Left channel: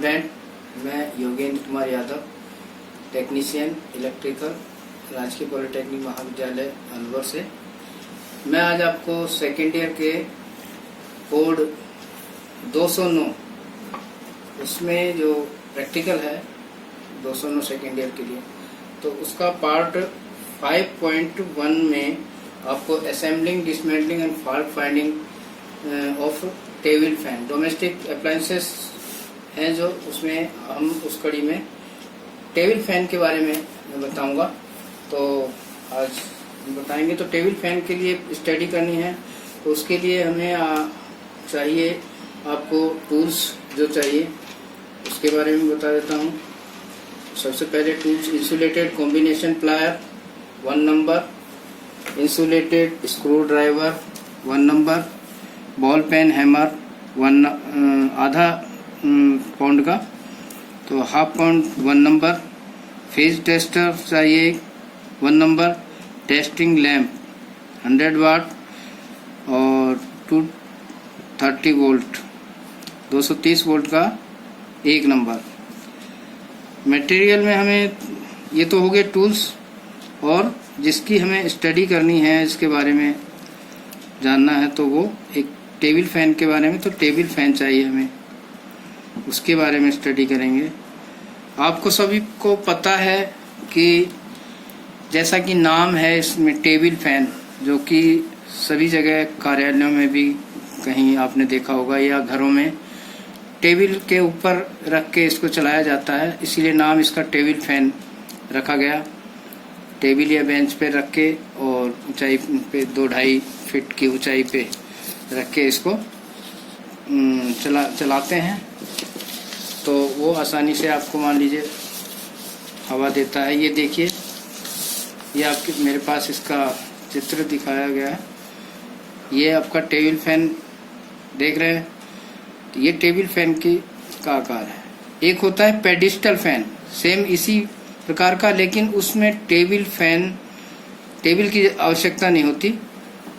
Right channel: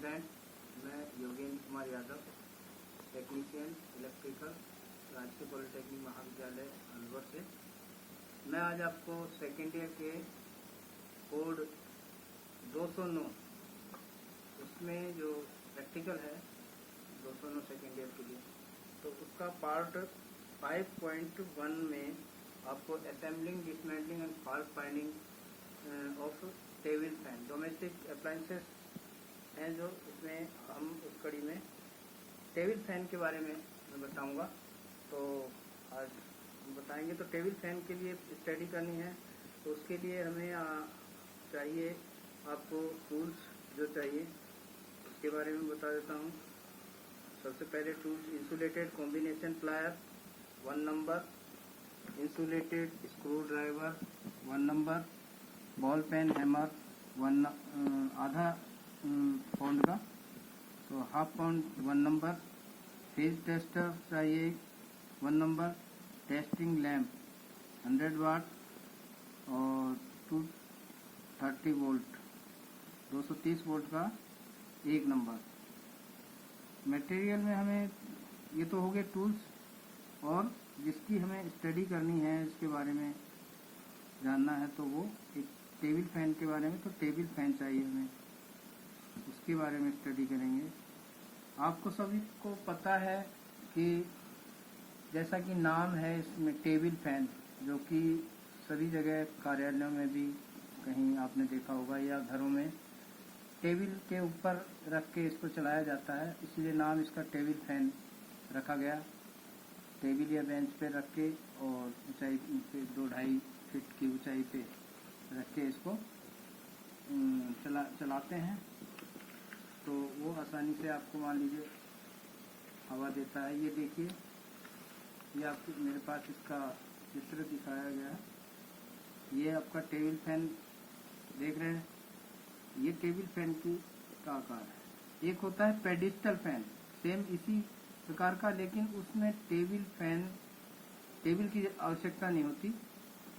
Student, मैं Yogendra Kumar Yadav, technician electrical, राजकीय polytechnic महाविद्यालय अलवर से। मैं आज आपको सेकेंड ईयर के कोड 209 उसमें जो प्रैक्टिकल है 209 सेकेंड ईयर के लिए, तो उसका पार्ट 5.1 में आपको assembling, dismantling and fault finding of table fan, domestic appliances हैं जो उसमें हम उस कड़ी में टेबल फैन के बारे में मैं बताऊंगा। तो आज बताएंगे। तो टेबल फैन के लिए स्टडी करनी है, तो उसके लिए हमें चाहिए आपको टूल्स जो चाहिए उसके बारे में बता देता हूँ। सबसे पहले tools: insulated combination plier 1 number, insulated screwdriver 1 number, ball peen hammer आधा पाउंड का, तो half pound 1 number, phase tester चाहिए 1 नंबर, टेस्टिंग लैंप 100 वाट और 230 वोल्ट 230 वोल्ट का 1 नंबर। मटेरियल में हमें ये तो हो गए टूल्स, और जिसकी हमें स्टडी करनी है, इसके बारे में जानना है, तो वो एक टेबल फैन के बारे में, तो टेबल फैन चाहिए हमें, उसके बारे में स्टडी करेंगे। आपको सभी को पता है कि जैसा कि नाम है इसमें टेबल फैन, जो कि सभी जगह कार्यालयों में भी कहीं आपने देखा होगा या घरों में टेबल के ऊपर रख के इसको चलाया जाता है, इसीलिए नाम इसका टेबल फैन रखा गया। टेबल या बेंच पे रख के और ऊंचाई पे 2-2.5 फीट की ऊंचाई पे रख के इसको चलाते हैं, तो वो आसानी से आपको मान लीजिए हवा देता है। ये देखिए, ये आपके मेरे पास इसका चित्र दिखाया गया है। ये आपका टेबल फैन देख रहे हैं, तो ये टेबल फैन का आकार है। एक होता है पेडिस्टल फैन, सेम इसी प्रकार का, लेकिन उसमें टेबल की आवश्यकता नहीं होती,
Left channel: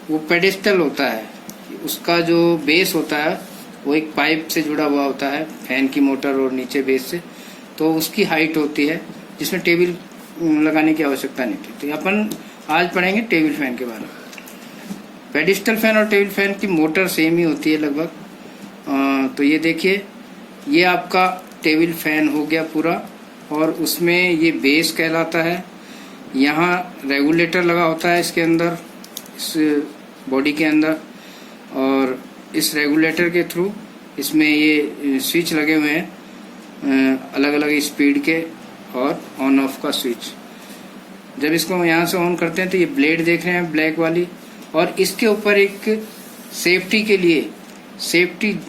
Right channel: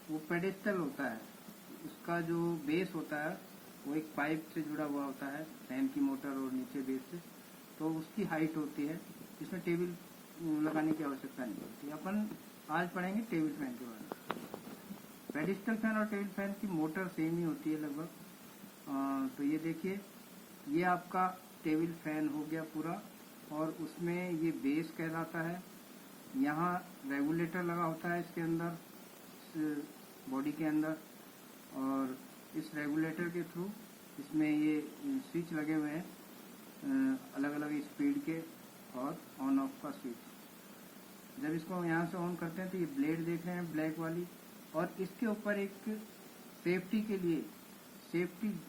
वो पेडिस्टल होता है। उसका जो बेस होता है वो एक पाइप से जुड़ा हुआ होता है, फैन की मोटर और नीचे बेस से, तो उसकी हाइट होती है, जिसमें टेबल लगाने की आवश्यकता नहीं होती। तो अपन आज पढ़ेंगे टेबल फैन के बारे में। पेडिस्टल फैन और टेबल फैन की मोटर सेम ही होती है लगभग। तो ये देखिए, ये आपका टेबल फैन हो गया पूरा, और उसमें ये बेस कहलाता है। यहाँ रेगुलेटर लगा होता है इसके अंदर, इस बॉडी के अंदर, और इस रेगुलेटर के थ्रू इसमें ये स्विच लगे हुए हैं, अलग अलग स्पीड के, और ऑन ऑफ का स्विच। जब इसको यहाँ से ऑन करते हैं तो ये ब्लेड देख रहे हैं ब्लैक वाली, और इसके ऊपर एक सेफ्टी के लिए सेफ्टी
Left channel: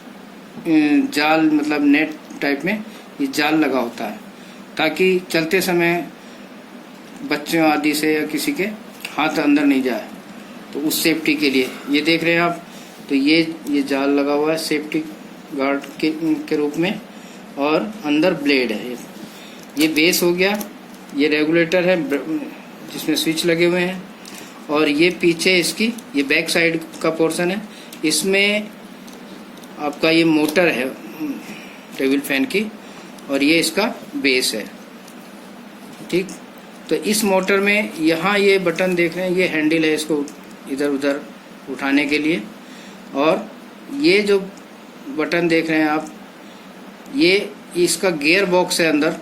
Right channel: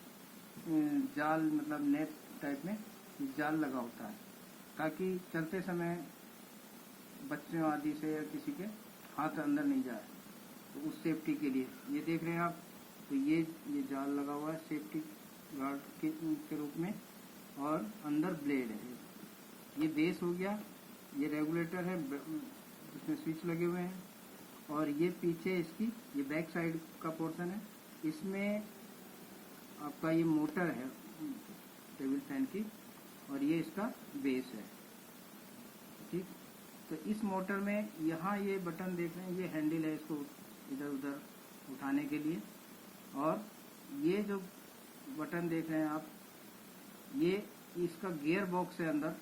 जाल, मतलब नेट टाइप में ये जाल लगा होता है, ताकि चलते समय बच्चों आदि से या किसी के हाथ अंदर नहीं जाए, तो उस सेफ्टी के लिए ये देख रहे हैं आप। तो ये जाल लगा हुआ है सेफ्टी गार्ड के रूप में, और अंदर ब्लेड है। ये बेस हो गया, ये रेगुलेटर है जिसमें स्विच लगे हुए हैं, और ये पीछे इसकी ये बैक साइड का पोर्शन है, इसमें आपका ये मोटर है टेबल फैन की, और ये इसका बेस है। ठीक, तो इस मोटर में यहाँ ये बटन देख रहे हैं, ये हैंडल है इसको इधर उधर उठाने के लिए, और ये जो बटन देख रहे हैं आप, ये इसका गियर बॉक्स है अंदर,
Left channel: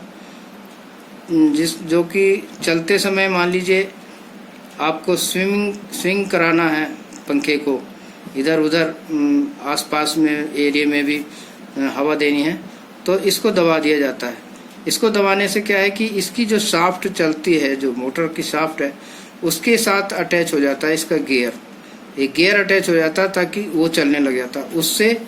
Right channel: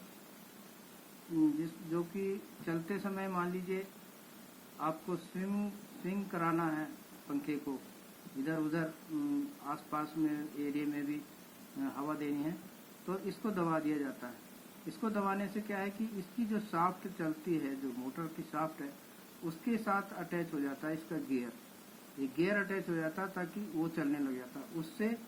जो कि चलते समय मान लीजिए आपको स्विंग कराना है पंखे को, इधर उधर आसपास में एरिया में भी हवा देनी है, तो इसको दबा दिया जाता है। इसको दबाने से क्या है कि इसकी जो शाफ्ट चलती है, जो मोटर की शाफ्ट है, उसके साथ अटैच हो जाता है इसका गियर, एक गियर अटैच हो जाता है ताकि वो चलने लग जाता है। उससे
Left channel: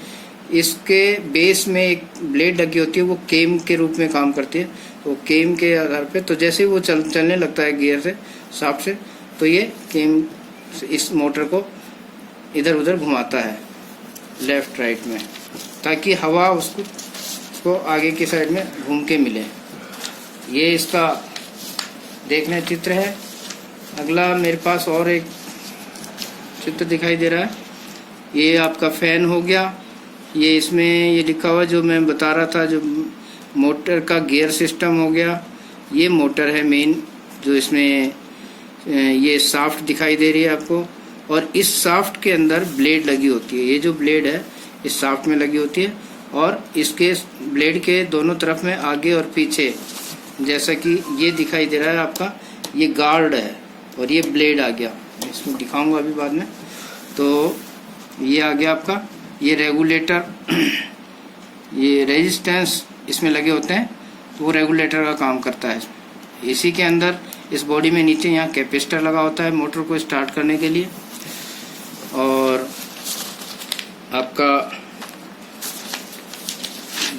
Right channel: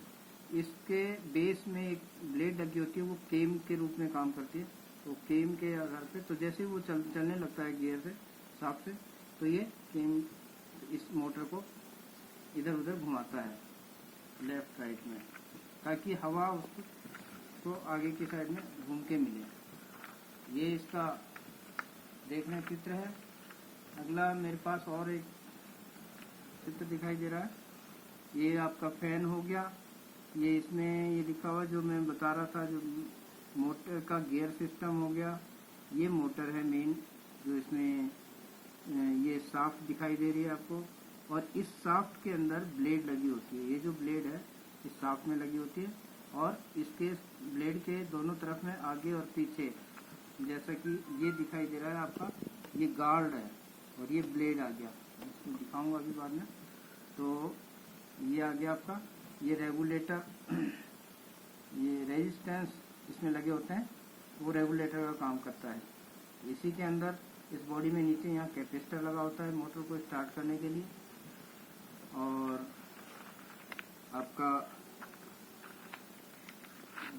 इसके बेस में एक ब्लेड लगी होती है, वो केम के रूप में काम करती है, वो केम के आधार पे, तो जैसे वो चलने लगता है गियर से, शाफ्ट से, तो ये केम इस मोटर को इधर उधर घुमाता है लेफ्ट राइट में, ताकि हवा उसको आगे की साइड में घूम के मिले। ये इसका देखने चित्र है। अगला मेरे पास और एक चित्र दिखाई दे रहा है, ये आपका फैन हो गया। ये इसमें ये लिखा हुआ जो मैं बता रहा था, जो मोटर का गियर सिस्टम हो गया। ये मोटर है मेन, जो इसमें ये शाफ्ट दिखाई दे रही है आपको, और इस शाफ्ट के अंदर ब्लेड लगी होती है। ये जो ब्लेड है इस शाफ्ट में लगी होती है, और इसके ब्लेड के दोनों तरफ में आगे और पीछे, जैसा कि ये दिखाई दे रहा है आपका, ये गार्ड है और ये ब्लेड आ गया। इसमें दिखाऊंगा अभी बाद में। तो ये आ गया आपका, ये रेगुलेटर, ये रेजिस्टेंस इसमें लगे होते हैं, तो वो रेगुलेटर का काम करता है। इसी के अंदर इस बॉडी में नीचे यहाँ कैपेसिटर लगा होता है मोटर को स्टार्ट करने के लिए। और आपका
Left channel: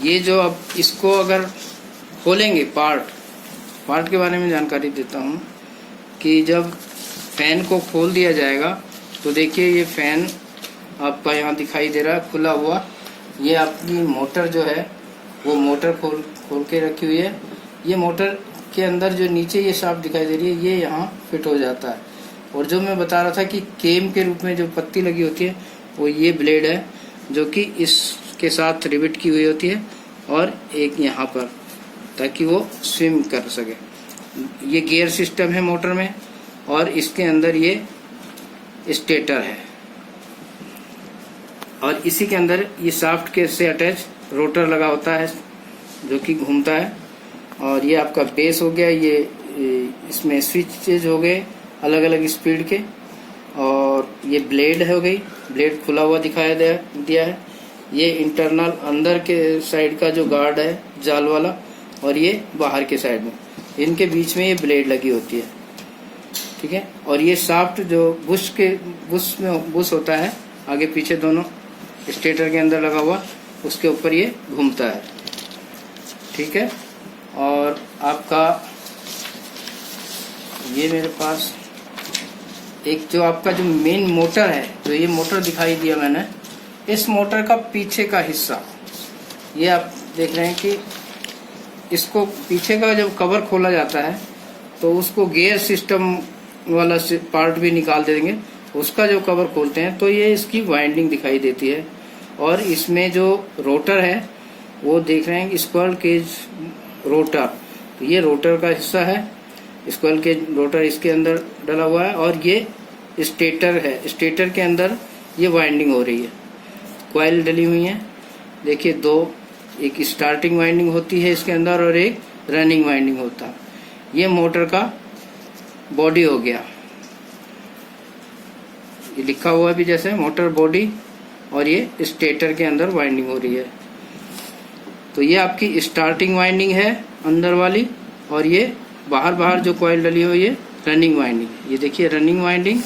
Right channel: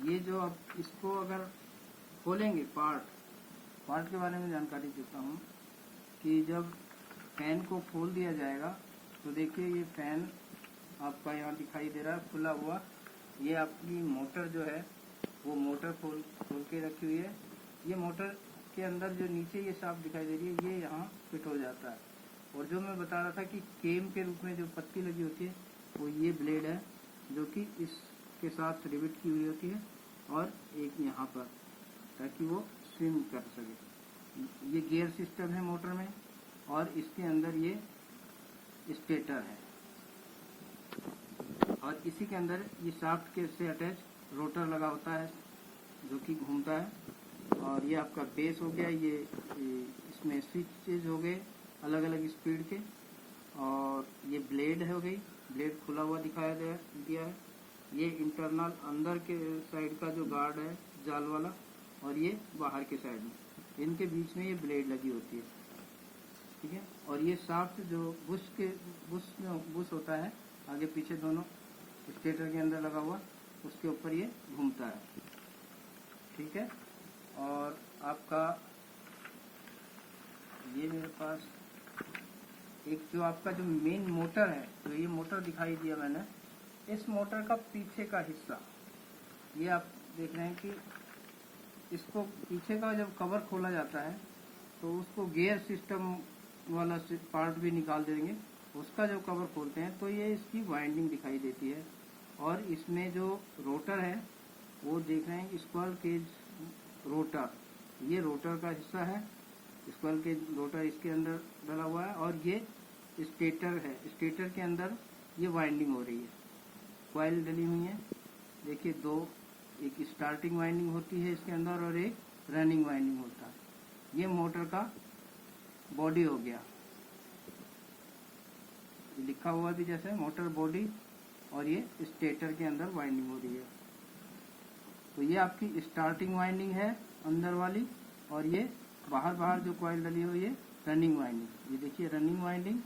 ये जो, अब इसको अगर खोलेंगे पार्ट के बारे में जानकारी देता हूँ कि जब फैन को खोल दिया जाएगा तो देखिए ये फैन आपका यहाँ दिखाई दे रहा है खुला हुआ। ये आपकी मोटर जो है वो मोटर खोल के रखी हुई है। ये मोटर के अंदर जो नीचे ये शाफ्ट दिखाई दे रही है ये यहाँ फिट हो जाता है। और जो मैं बता रहा था कि केम के रूप में जो पत्ती लगी होती है वो ये ब्लेड है, जो कि इसके साथ रिवेट की हुई होती है, और एक यहाँ पर, ताकि वो स्विम कर सके। ये गियर सिस्टम है मोटर में, और इसके अंदर ये स्टेटर है, और इसी के अंदर ये शाफ्ट के से अटैच रोटर लगा होता है जो कि घूमता है। और ये आपका बेस हो गया, ये इसमें स्विचेज हो गए अलग अलग स्पीड के, और ये ब्लेड हो गई, ब्लेड खुला हुआ दिखाया दिया है। ये इंटरनल अंदर के साइड का जो गार्ड है जाल वाला, और ये बाहर के साइड में, इनके बीच में ये ब्लेड लगी होती है, ठीक है। और ये शाफ्ट जो बुश होता है आगे पीछे दोनों स्टेटर के अंदर लगा हुआ, उसके ऊपर ये घूमता है, ठीक है। और आपका ये मेरे पास एक जो आपका जो मेन मोटर है, जो ये मोटर दिखाई दिया मैंने, इस मोटर का पीछे का हिस्सा, ये आप देख रहे हैं कि इसको पीछे का जब कवर खोला जाता है तो उसको गियर सिस्टम वाला पार्ट भी निकाल देंगे। उसका जो कवर खोलते हैं तो ये इसकी वाइंडिंग दिखाई देती है। और इसमें जो रोटर है वो देख रहे हैं स्क्विरल केज रोटर, तो ये रोटर का हिस्सा है। स्क्विरल केज रोटर इसके अंदर डला हुआ है, और ये स्टेटर है। स्टेटर के अंदर ये वाइंडिंग हो रही है, कॉइल डली हुई है। देखिए दो, एक स्टार्टिंग वाइंडिंग होती है इसके अंदर और एक रनिंग वाइंडिंग होता है। ये मोटर का बॉडी हो गया, ये लिखा हुआ भी जैसे मोटर बॉडी, और ये स्टेटर के अंदर वाइंडिंग हो रही है। तो ये आपकी स्टार्टिंग वाइंडिंग है अंदर वाली, और ये बाहर जो कॉइल डली हुई है रनिंग वाइंडिंग। ये देखिए रनिंग वाइंडिंग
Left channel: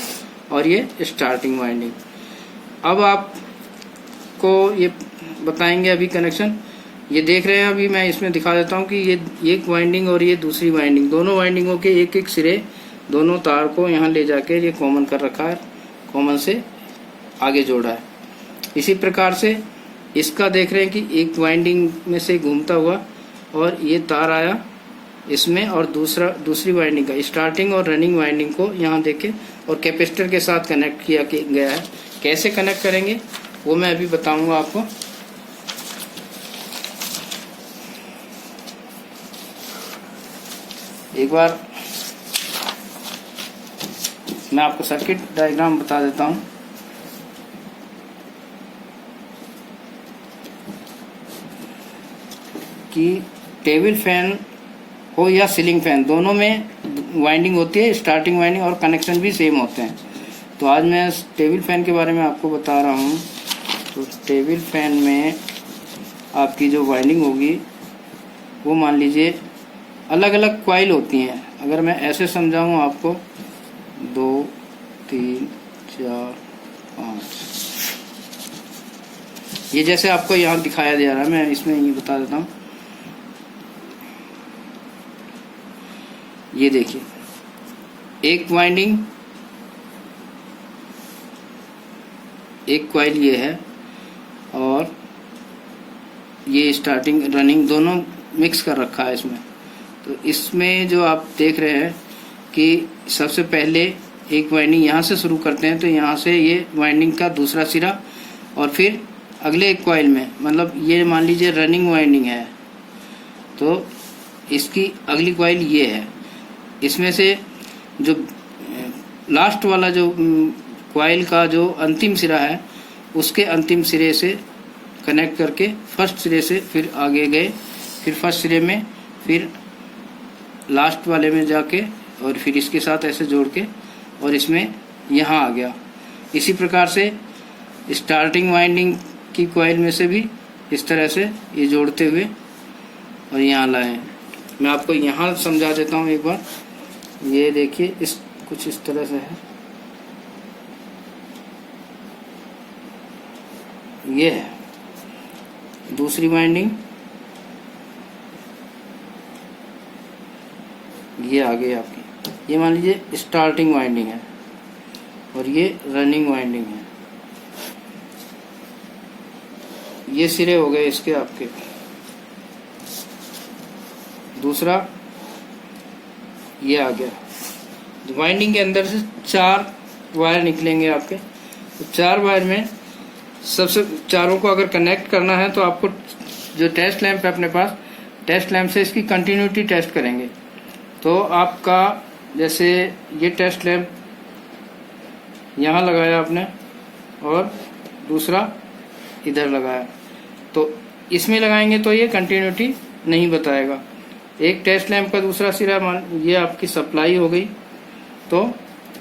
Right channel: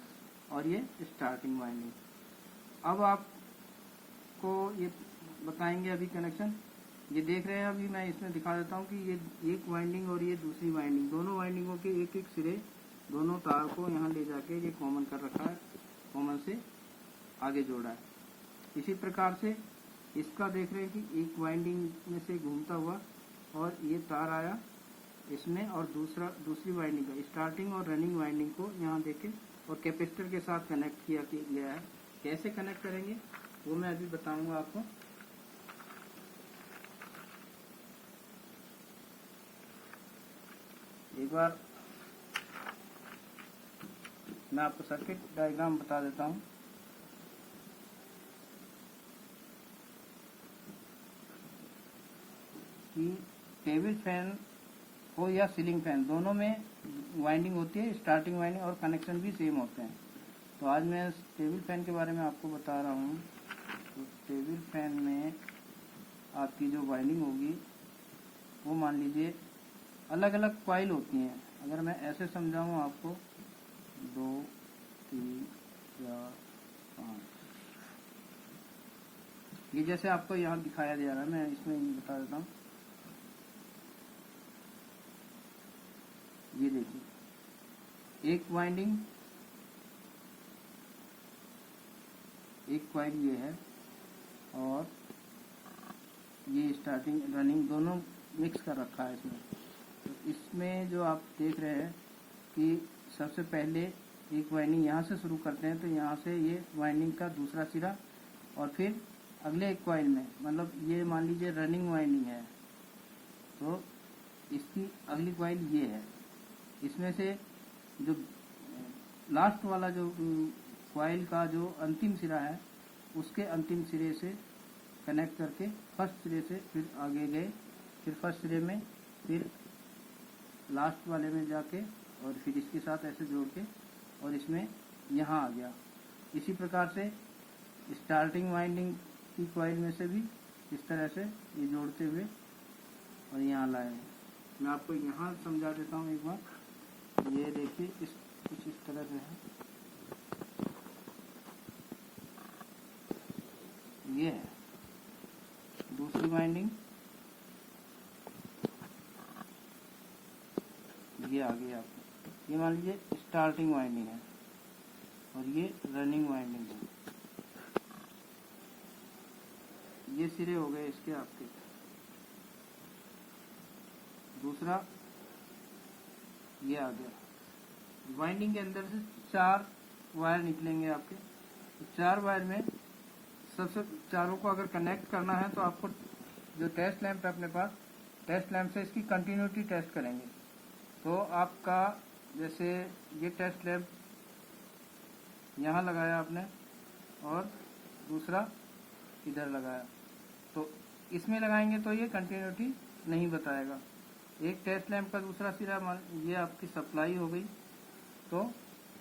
और ये स्टार्टिंग वाइंडिंग। अब आपको ये बताएंगे अभी कनेक्शन। ये देख रहे हैं, अभी मैं इसमें दिखा देता हूँ कि ये एक वाइंडिंग और ये दूसरी वाइंडिंग, दोनों वाइंडिंगों के एक एक सिरे, दोनों तार को यहाँ ले जाके ये कॉमन कर रखा है, कॉमन से आगे जोड़ा है। इसी प्रकार से इसका देख रहे हैं कि एक वाइंडिंग में से घूमता हुआ और ये तार आया इसमें, और दूसरी वाइंडिंग का स्टार्टिंग और रनिंग वाइंडिंग को यहाँ देखे और कैपेसिटर के साथ कनेक्ट किया गया है। कैसे कनेक्ट करेंगे वो मैं अभी बताऊंगा आपको। एक बार मैं आपको सर्किट डायग्राम बता देता हूँ। कि टेबल फैन हो या सीलिंग फैन, दोनों में वाइंडिंग होती है, स्टार्टिंग वाइंडिंग और कनेक्शन भी सेम होते हैं। तो आज मैं टेबल फैन के बारे में आपको बता रहा हूँ। तो टेबल फैन में आपकी जो वाइंडिंग होगी वो मान लीजिए अलग अलग कॉइल होती हैं। अगर मैं ऐसे समझाऊँ आपको, 2 3 4 5, ये जैसे आपको यहाँ दिखाया जा रहा है, मैं इसमें ये बता देता हूँ। ये देखिए एक वाइंडिंग, एक कॉइल ये है, और ये स्टार्टिंग रनिंग दोनों मिक्स कर रखा है इसमें। तो इसमें जो आप देख रहे हैं कि सबसे पहले एक वाइंडिंग यहाँ से शुरू करते हैं, तो यहाँ से ये वाइंडिंग का दूसरा सिरा, और फिर अगले एक कॉइल में, मतलब ये मान लीजिए रनिंग वाइंडिंग है, तो इसकी अगली कॉइल ये है। इसमें से जो लास्ट वाला जो कॉइल का जो अंतिम सिरा है उसके अंतिम सिरे से कनेक्ट करके फर्स्ट सिरे से फिर आगे गए, फिर फर्स्ट सिरे में, फिर लास्ट वाले में जाके और फिर इसके साथ ऐसे जोड़ के और इसमें यहाँ आ गया। इसी प्रकार से स्टार्टिंग वाइंडिंग की कॉइल में से भी इस तरह से ये जोड़ते हुए और यहाँ लाए। मैं आपको यहाँ समझा देता हूँ एक बार। ये देखिए इस कुछ इस तरह से है, ये है दूसरी वाइंडिंग, ये आ गई आपकी। ये मान लीजिए स्टार्टिंग वाइंडिंग है और ये रनिंग वाइंडिंग है। ये सिरे हो गए इसके आपके। दूसरा ये आ गया। वाइंडिंग के अंदर से 4 वायर निकलेंगे आपके। तो 4 वायर में सबसे चारों को अगर कनेक्ट करना है तो आपको जो टेस्ट लैंप है अपने पास, टेस्ट लैंप से इसकी कंटिन्यूटी टेस्ट करेंगे। तो आपका जैसे ये टेस्ट लैंप यहाँ लगाया आपने और दूसरा इधर लगाया, तो इसमें लगाएंगे तो ये कंटिन्यूटी नहीं बताएगा। एक टेस्ट लैंप का दूसरा सिरा मान ये आपकी सप्लाई हो गई, तो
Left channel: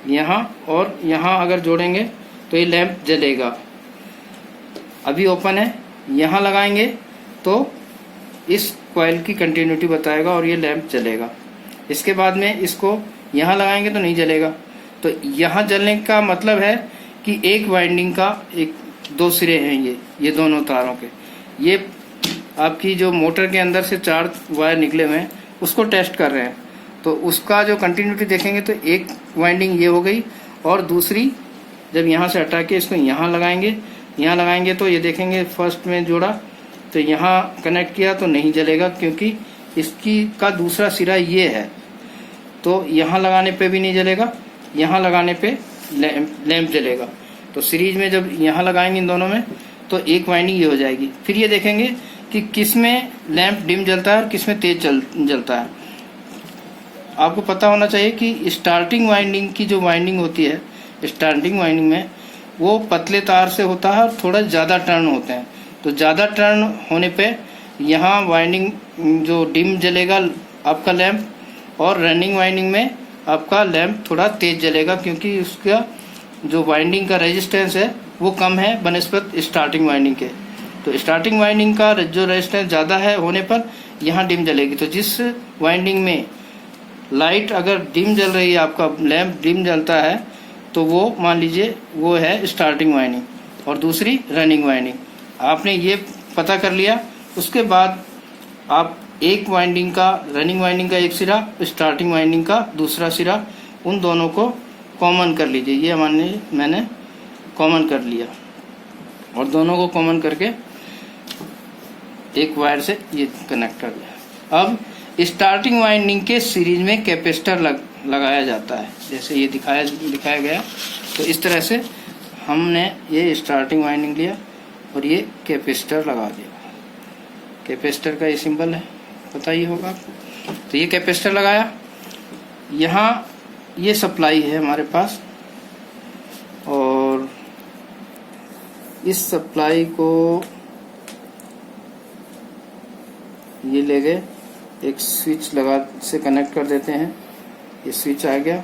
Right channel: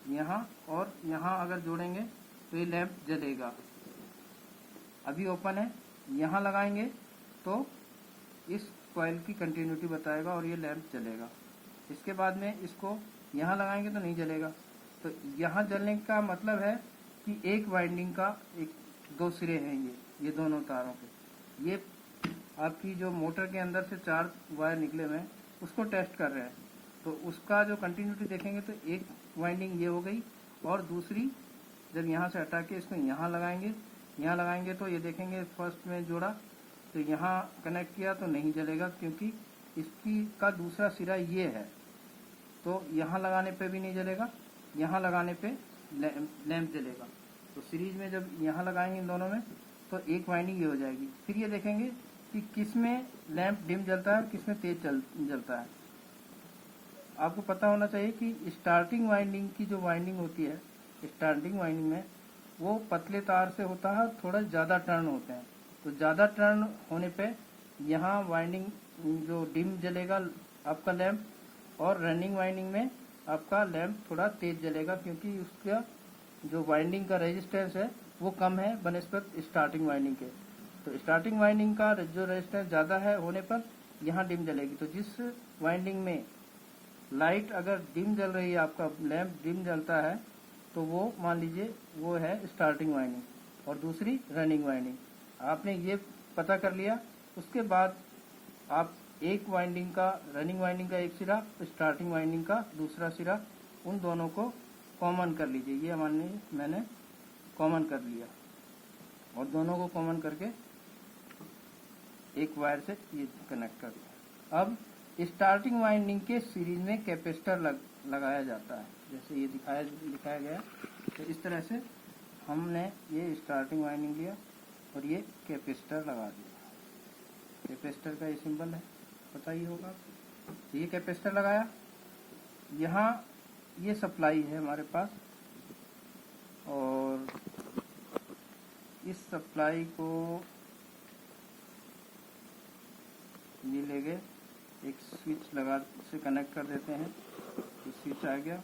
यहाँ और यहाँ अगर जोड़ेंगे तो ये लैंप जलेगा। अभी ओपन है, यहाँ लगाएंगे तो इस कॉइल की कंटिन्यूटी बताएगा और ये लैंप जलेगा। इसके बाद में इसको यहाँ लगाएंगे तो नहीं जलेगा। तो यहाँ जलने का मतलब है कि एक वाइंडिंग का 2 सिरे हैं ये दोनों तारों के। ये आपकी जो मोटर के अंदर से 4 वायर निकले हुए हैं उसको टेस्ट कर रहे हैं। तो उसका जो कंटिन्यूटी देखेंगे तो एक वाइंडिंग ये हो गई और दूसरी जब यहाँ से हटा के इसको यहाँ लगाएंगे तो ये देखेंगे फर्स्ट में जोड़ा तो यहाँ कनेक्ट किया तो नहीं जलेगा क्योंकि इसकी का दूसरा सिरा ये है। तो यहाँ लगाने पे भी नहीं जलेगा, यहाँ लगाने पे लैंप जलेगा। तो सीरीज में जब यहाँ लगाएंगे इन दोनों में तो एक वाइंडिंग ये हो जाएगी। फिर ये देखेंगे कि किस में लैंप डिम जलता है और किस में तेज जलता है। आपको पता होना चाहिए कि स्टार्टिंग वाइंडिंग की जो वाइंडिंग होती है, स्टार्टिंग वाइंडिंग में वो पतले तार से होता है और थोड़ा ज़्यादा टर्न होते हैं। तो ज़्यादा टर्न होने पे यहाँ वाइंडिंग जो डिम जलेगा आपका लैंप, और रनिंग वाइंडिंग में आपका लैंप थोड़ा तेज जलेगा क्योंकि उसका जो वाइंडिंग का रेजिस्टेंस है वो कम है बनस्पत स्टार्टिंग वाइंडिंग के। तो स्टार्टिंग वाइंडिंग का जो रेजिस्टेंस ज़्यादा है होने पर यहाँ डिम जलेगी। तो जिस वाइंडिंग में लाइट अगर डिम जल रही है, आपका लैंप डिम जलता है, तो वो मान लीजिए वो है स्टार्टिंग वाइंडिंग और दूसरी रनिंग वाइंडिंग। आपने ये पता कर लिया। उसके बाद आप एक वाइंडिंग का, रनिंग वाइंडिंग का एक सिरा, स्टार्टिंग वाइंडिंग का दूसरा सिरा, उन दोनों को कॉमन कर लीजिए। ये मैंने कॉमन कर लिया और दोनों को कॉमन करके एक वायर से ये कनेक्ट कर दिया। अब स्टार्टिंग वाइंडिंग के सीरीज में कैपेसिटर लगाया जाता है, जैसे ये दिखाया गया। तो इस तरह से हमने ये स्टार्टिंग वाइंडिंग लिया और ये कैपेसिटर लगा दिया। कैपेसिटर का ये सिंबल है, पता ही होगा आपको। तो ये कैपेसिटर लगाया। यहाँ ये सप्लाई है हमारे पास और इस सप्लाई को ये ले गए, एक स्विच लगा से कनेक्ट कर देते हैं। ये स्विच आ गया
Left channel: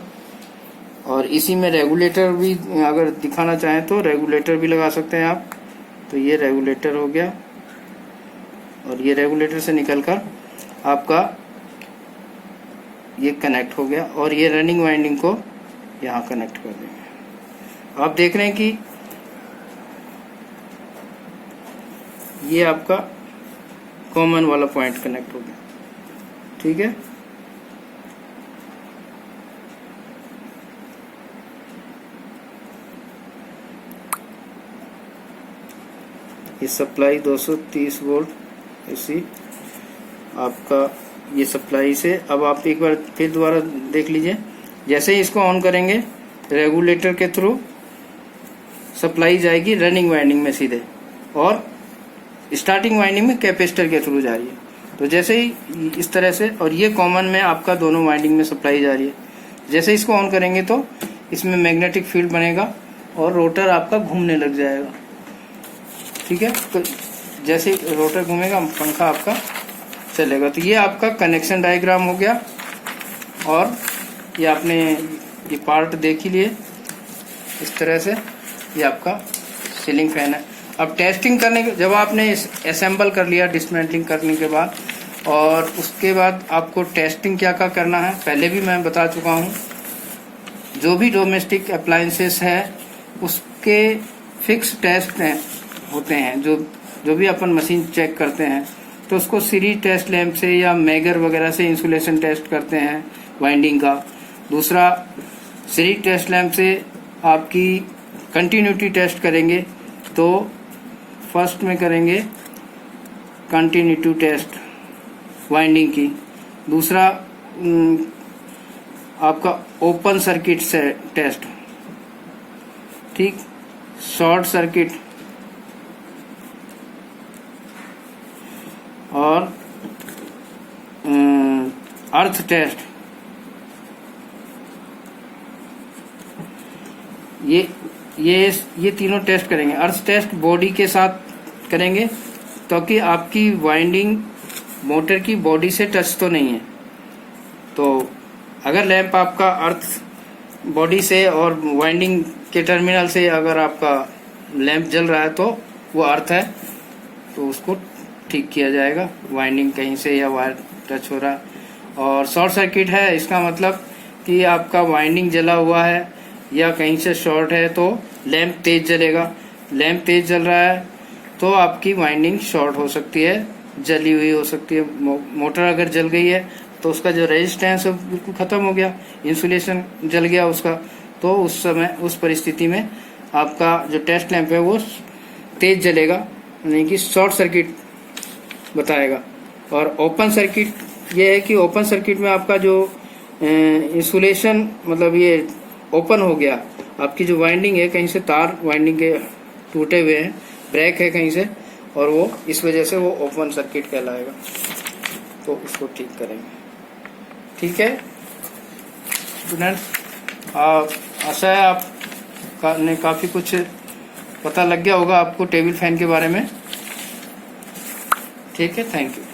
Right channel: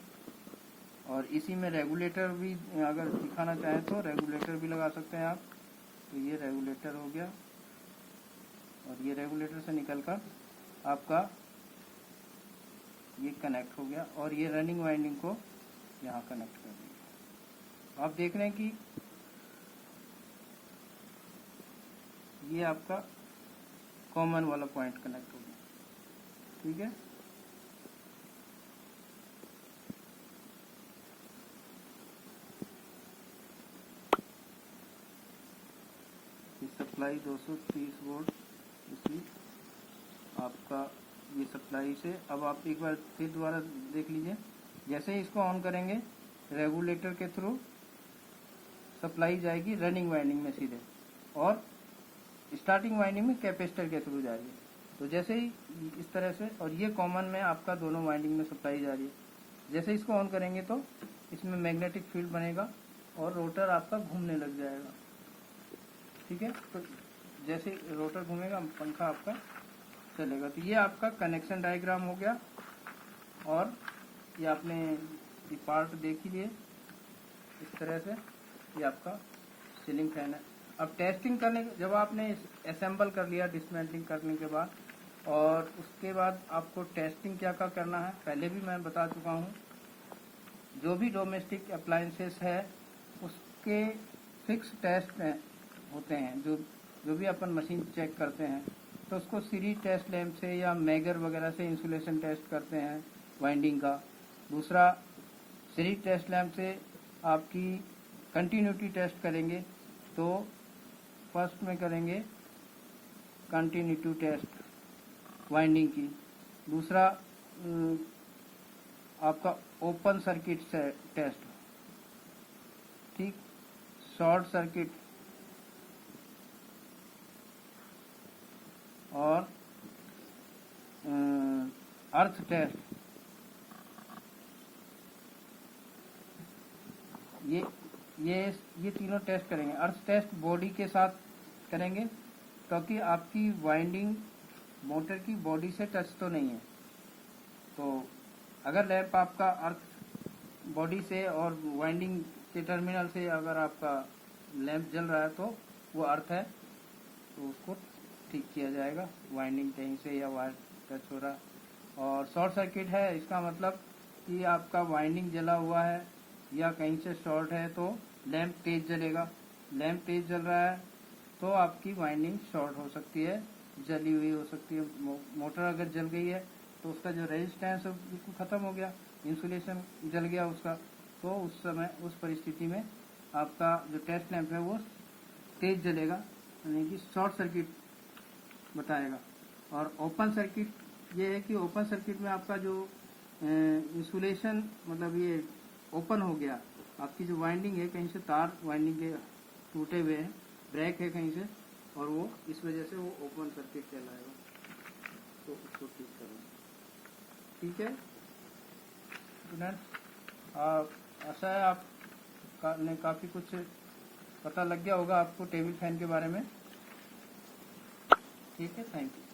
और इसी में रेगुलेटर भी अगर दिखाना चाहें तो रेगुलेटर भी लगा सकते हैं आप। तो ये रेगुलेटर हो गया और ये रेगुलेटर से निकलकर आपका ये कनेक्ट हो गया और ये रनिंग वाइंडिंग को यहाँ कनेक्ट कर देंगे। आप देख रहे हैं कि ये आपका कॉमन वाला पॉइंट कनेक्ट हो गया। ठीक है, ये सप्लाई 230 वोल्ट इसी आपका ये सप्लाई से। अब आप एक बार फिर दोबारा देख लीजिए। जैसे ही इसको ऑन करेंगे रेगुलेटर के थ्रू सप्लाई जाएगी रनिंग वाइंडिंग में सीधे और स्टार्टिंग वाइंडिंग में कैपेसिटर के थ्रू जा रही है। तो जैसे ही इस तरह से, और ये कॉमन में आपका दोनों वाइंडिंग में सप्लाई जा रही है। जैसे इसको ऑन करेंगे तो इसमें मैग्नेटिक फील्ड बनेगा और रोटर आपका घूमने लग जाएगा। ठीक है, तो जैसे ही रोटर घूमेगा पंखा आपका चलेगा। तो ये आपका कनेक्शन डायग्राम हो गया, और ये आपने ये पार्ट देख ही लिए इस तरह से। ये आपका सीलिंग फैन है। अब टेस्टिंग करने के, जब आपने असेंबल कर लिया डिसमेंटलिंग करने के बाद, और उसके बाद आपको टेस्टिंग क्या क्या करना है पहले भी मैं बता चुका हूँ। जो भी डोमेस्टिक अप्लायंसेस है उसके फिक्स टेस्ट होते हैं। जो भी अपन मशीन चेक करते हैं तो उसको सीरीज टेस्ट लैंप से या मैगर वगैरह से इंसुलेशन टेस्ट करते हैं वाइंडिंग का। दूसरा, सीरीज टेस्ट लैंप से आपकी कंटिन्यूटी टेस्ट करेंगे, तो फर्स्ट में करेंगे कंटिन्यूटी टेस्ट वाइंडिंग की। दूसरा आपका ओपन सर्किट से टेस्ट, ठीक, शॉर्ट सर्किट और अर्थ टेस्ट। ये तीनों टेस्ट करेंगे। अर्थ टेस्ट बॉडी के साथ करेंगे ताकि आपकी वाइंडिंग मोटर की बॉडी से टच तो नहीं है। तो अगर लैंप आपका अर्थ बॉडी से और वाइंडिंग के टर्मिनल से अगर आपका लैंप जल रहा है तो वो अर्थ है, तो उसको ठीक किया जाएगा। वाइंडिंग कहीं से या वायर टच हो रहा है। और शॉर्ट सर्किट है, इसका मतलब कि आपका वाइंडिंग जला हुआ है या कहीं से शॉर्ट है तो लैंप तेज जलेगा। लैंप तेज जल रहा है तो आपकी वाइंडिंग शॉर्ट हो सकती है, जली हुई हो सकती है। मोटर अगर जल गई है तो उसका जो रेजिस्टेंस है बिल्कुल खत्म हो गया, इंसुलेशन जल गया उसका। तो उस समय, उस परिस्थिति में आपका जो टेस्ट लैंप है वो तेज जलेगा, यानी कि शॉर्ट सर्किट बताएगा। और ओपन सर्किट ये है कि ओपन सर्किट में आपका जो इंसुलेशन, मतलब ये ओपन हो गया, आपकी जो वाइंडिंग है कहीं से तार वाइंडिंग के टूटे हुए हैं, ब्रेक है कहीं से, और वो इस वजह से वो ओपन सर्किट कहलाएगा। तो उसको ठीक करेंगे। ठीक है स्टूडेंट्स, आशा है आप ने काफ़ी कुछ पता लग गया होगा आपको टेबल फैन के बारे में। ठीक है, थैंक यू।